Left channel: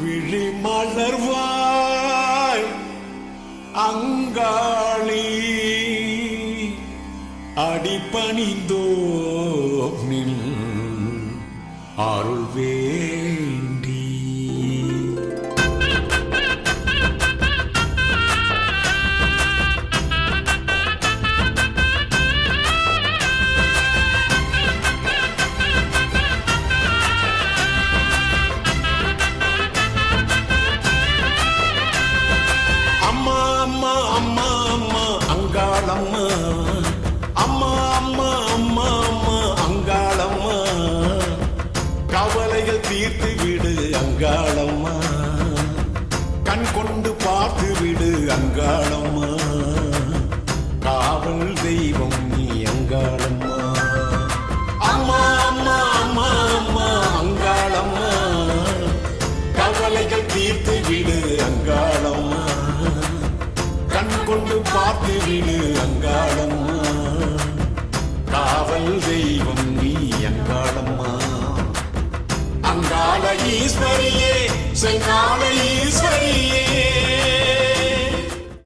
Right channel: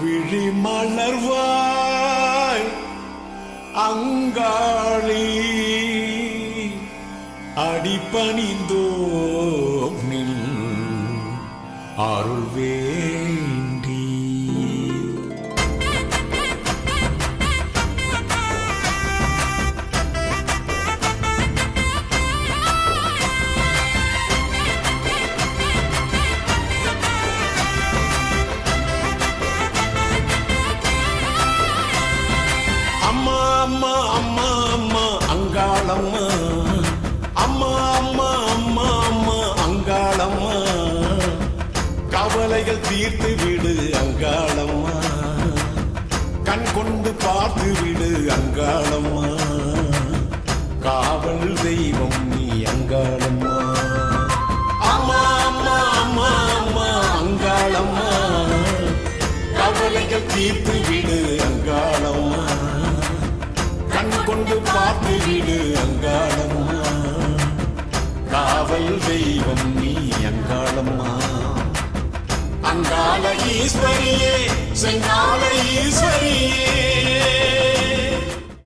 விழி மலர்வாய் அங்காளி அடிபணிந்தோம் நில் அருள் வேண்டி. அம்மா அம்மா அம்மா அம்மா அங்காளம்மா, அம்மா அம்மா அம்மா அம்மா அங்காளம்மா, கவலைகள் தீர்த்து விடு அங்காளம்மா, கண் கொண்டு பார்த்து விடு அங்காளம்மா, காவல் தெய்வம் நீ அங்காளம்மா. அம்மா அம்மா அம்மா அம்மா அங்காளம்மா, கவலைகள் தீர்த்து விடு அங்காளம்மா, கண் கொண்டு பார்த்து விடு அங்காளம்மா, காவல் தெய்வம் நீ அங்காளம்மா. அங்காள ஈஸ்வரியே செங்கால ஈஸ்வரியே.